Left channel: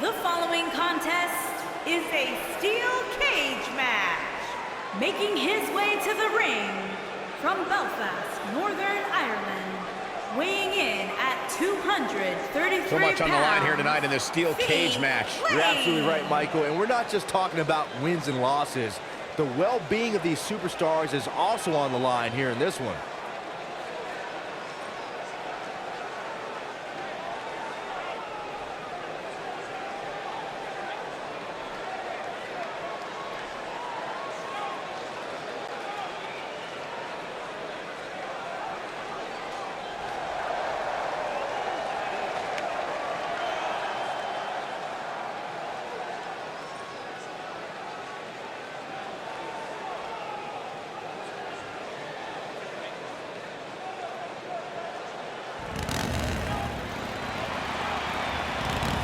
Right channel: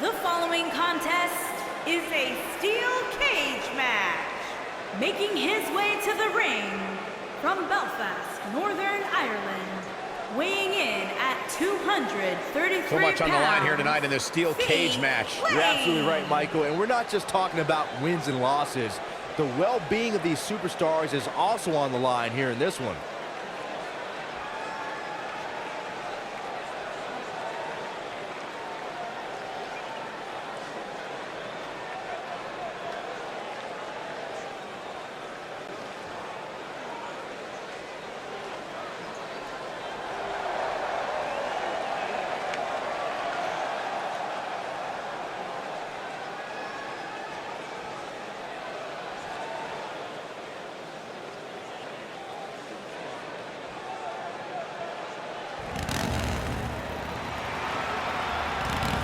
The following contest is a steel cage match. Making his way to the ring from Belfast, Northern Ireland, weighing in at 233 pounds. So much on the line here tonight in this steel cage match. You're absolutely right, Michael, and we're not just talking about wins and losses. The well-being of these superstars is also on the line here in this one.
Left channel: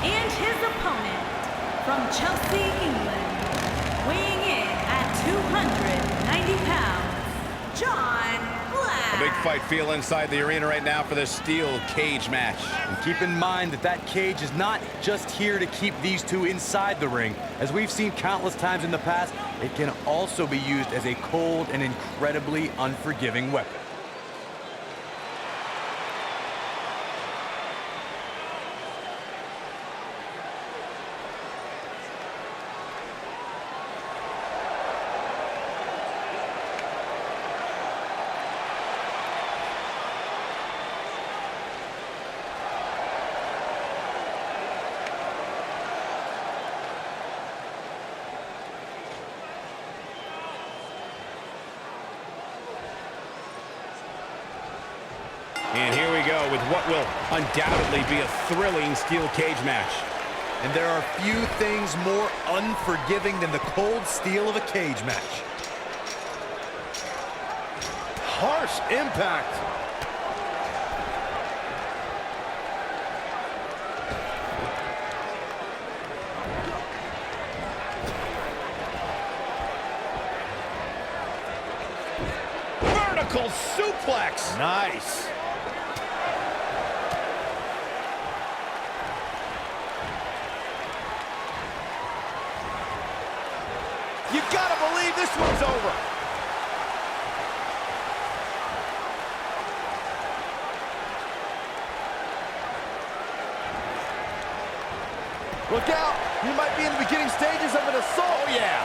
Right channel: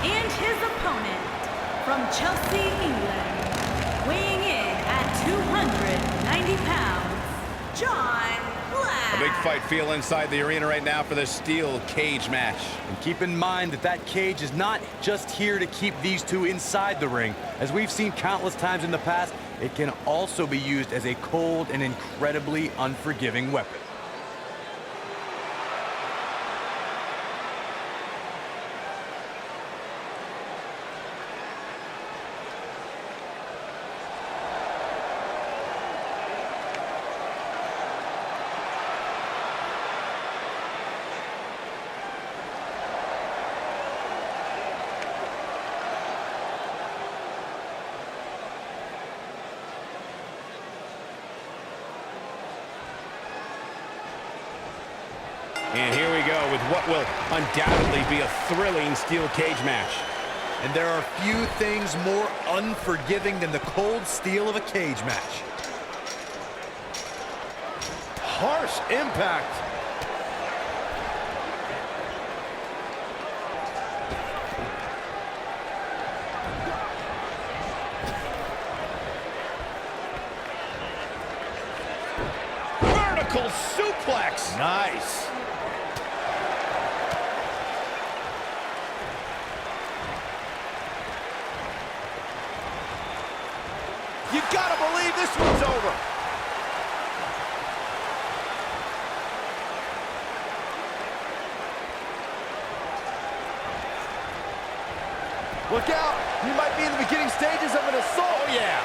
And his opponent from Chelsea, England, weighing in at 290 pounds, John Black. A big fight feel inside the arena right now for this steel cage match. And keep in mind that that cage is not just here to keep these two inside the ring. As we've seen countless times in the past, it can also be used as a cold and incredibly unforgiving weapon. And here we go with what will undoubtedly be a thrilling steel cage match. And there are few things more unforgiving than the cold steel of a cage match. Harsh impact. Vertical suplex. Nice. You gotta believe this one's over. Look out, you might be in the beginning stages of an assault. Oh, yeah.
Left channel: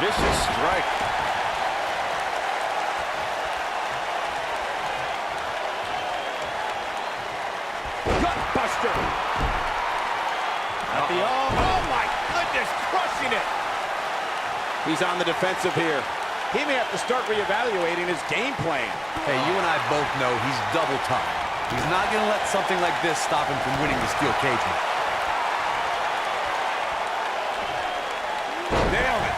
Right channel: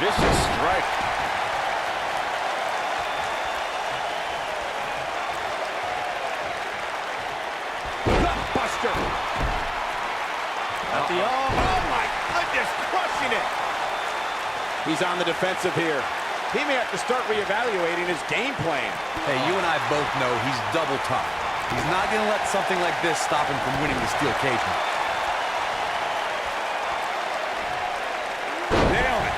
Vicious strike. Gutbuster. At the oh my goodness, crushing it. He's on the defensive here. He may have to start reevaluating his game plan. Hey, you and I both know he's double tough. He's not going to let something like this stop him from winning the steel cage match. Nailed it.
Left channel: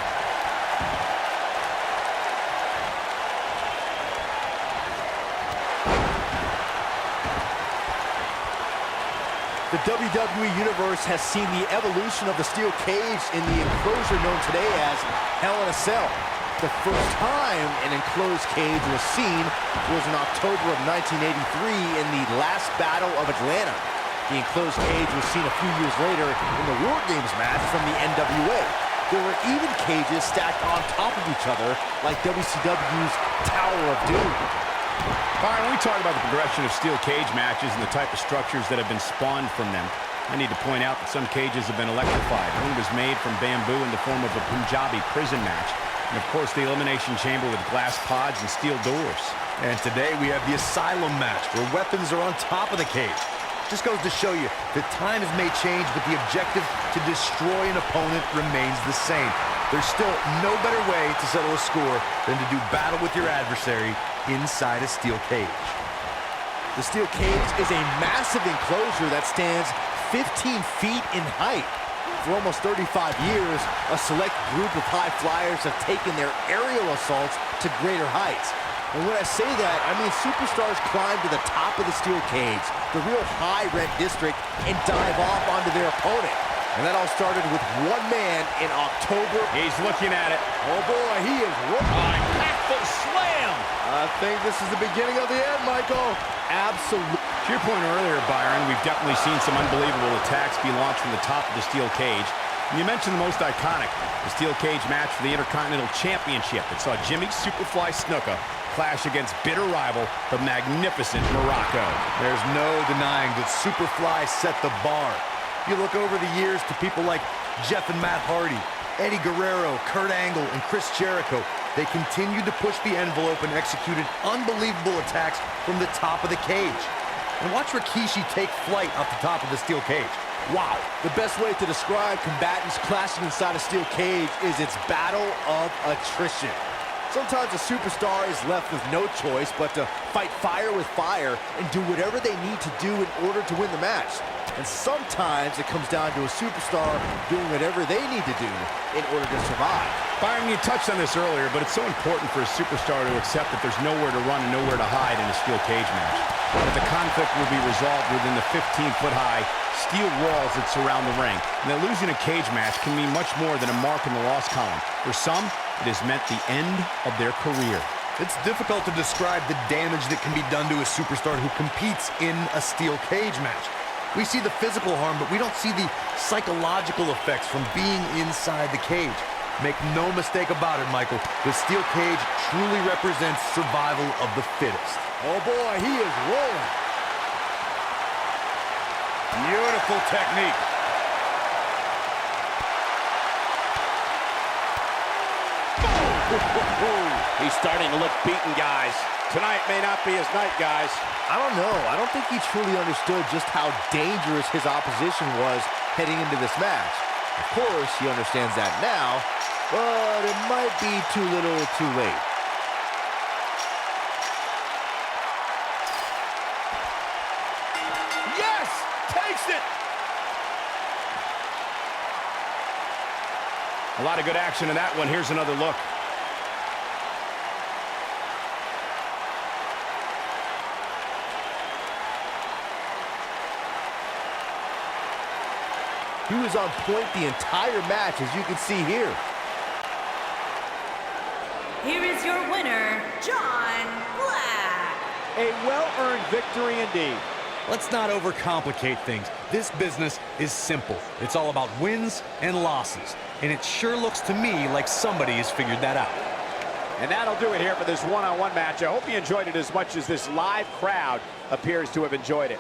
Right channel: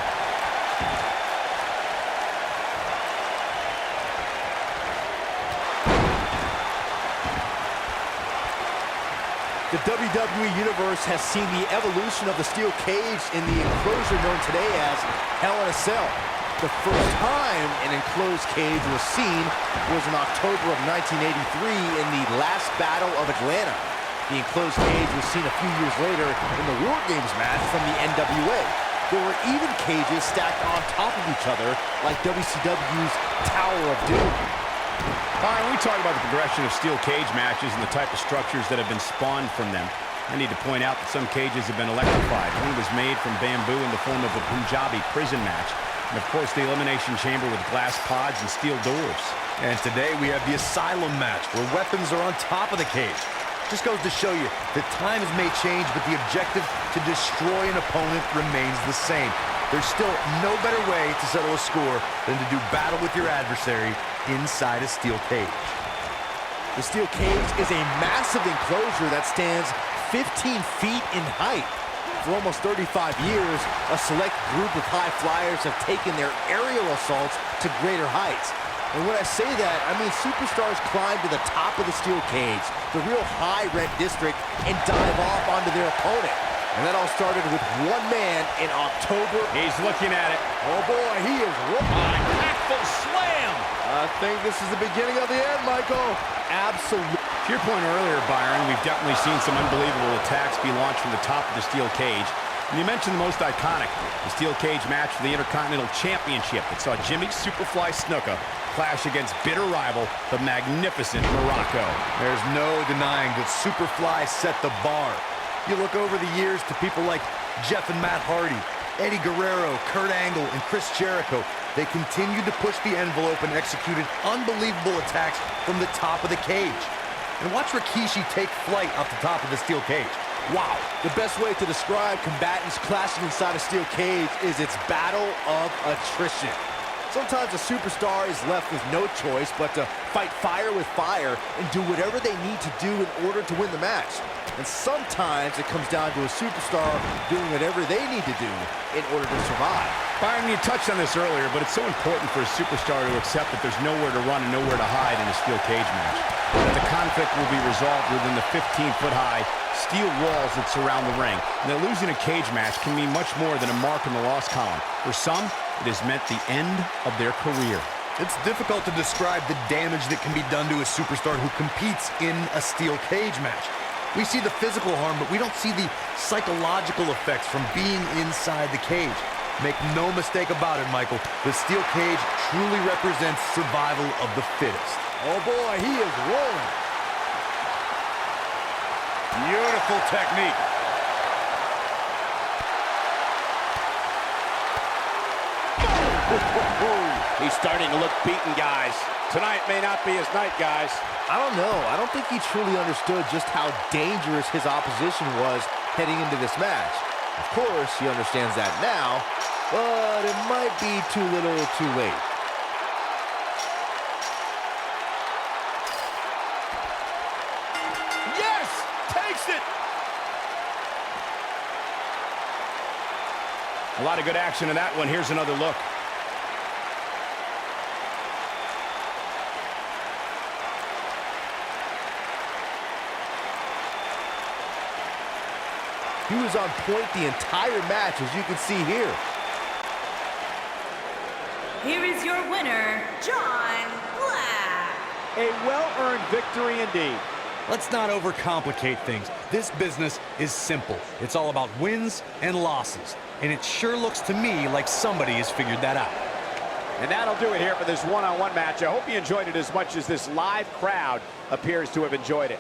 The WWE Universe has seen the evolution of the steel cage in the enclosure known today as Hell in a Cell. The first time an enclosed cage was seen was in October of 1983 in the last Battle of Atlanta. The enclosed cage was seen a few years later in the War Games match from the NWA. There were even cages stacked on top of each other like WCW's Tower of Doom. All right, when we talk about the progression of steel cage matches and the type of structures that have been spawned from them, I need to point out that some cages have been electrified. One was made from bamboo in the form of a Punjabi prison match. And, of course, the Elimination Chamber with glass pods and steel doors. And today we have the Asylum match, where weapons are on top of the cage. Just goes to show you that times may change, but the objective to destroy an opponent remains the same. There's still no better way to settle a score than to do battle with your adversary inside a steel cage. The steel cage is a massive enclosure that stands 15 feet in height. For almost 35 years, a select group of high flyers have taken their aerial assaults to greater heights. And when I say that, I mean superstars climb to the top of the steel cage, the real high rent district, and dive off onto their opponent. And that all started with one man in October. He's looking at it. Oh boy, he is Impactful slam. I think this is the beginning of the end, Michael. Absolutely. To your point earlier, Byron, we've definitely seen some unbelievable attacks be launched from the top of the steel cage. And you mentioned the most iconic, the steel cage match for the Intercontinental Championship that saw Jimmy Superfly Snuka clash against bitter rival, the magnificent Morocco. There's no denying that Superfly set the bar. You look over the years to people like Jeff and Matt Hardy, Eddie Guerrero, Kurt Angle, and Chris Jericho. They continued to push the envelope and executed unbelievable attacks from the top of the cage. And watch Rikishi take flight off the top of the steel cage. Wow. The best way to describe combatants clashing inside a steel cage is its battle of attrition. Sometimes a superstar is left with no choice but to fight fire with fire and do whatever they need to do in order to win the match. And sometimes it comes down to a superstar doing whatever they need to do in order to survive. Byron, you touched on this earlier, but it's so important for a superstar to accept that there's nowhere to run and nowhere to hide in a steel cage match. That the conflict will be resolved within the 15-foot-high steel walls that surround the ring. And that losing a cage match can mean much more than a mark in the loss column. For some, it has meant the end of their career. It's difficult to describe the damage that can be done to a superstar who competes in a steel cage match. We see the physical harm, but we don't see the psychological effects from being inside the cage. Make no mistake about it, Michael. The steel cage truly represents survival of the fittest. Oh boy, he is rolling. Beautiful technique. He's starting to look beaten, guys. Tonight may not be his night, guys. I don't know. I don't think he truly understood just how dangerous his opposition was heading into this match. Of course, he understands that now, but it might be too little too late. Yes! Takes it! A lot of good action in that one. Here's another look. He was on point the entire match, as you can see here. Here is your winner, John Black. A well-earned victory indeed. Let's not overcomplicate things. This business is simple. It's all about wins and losses. And it sure looks to me like somebody has figured that out. And that'll do it here for this one-on-one match. I hope you enjoyed it as much as this live crowd appears to have enjoyed it.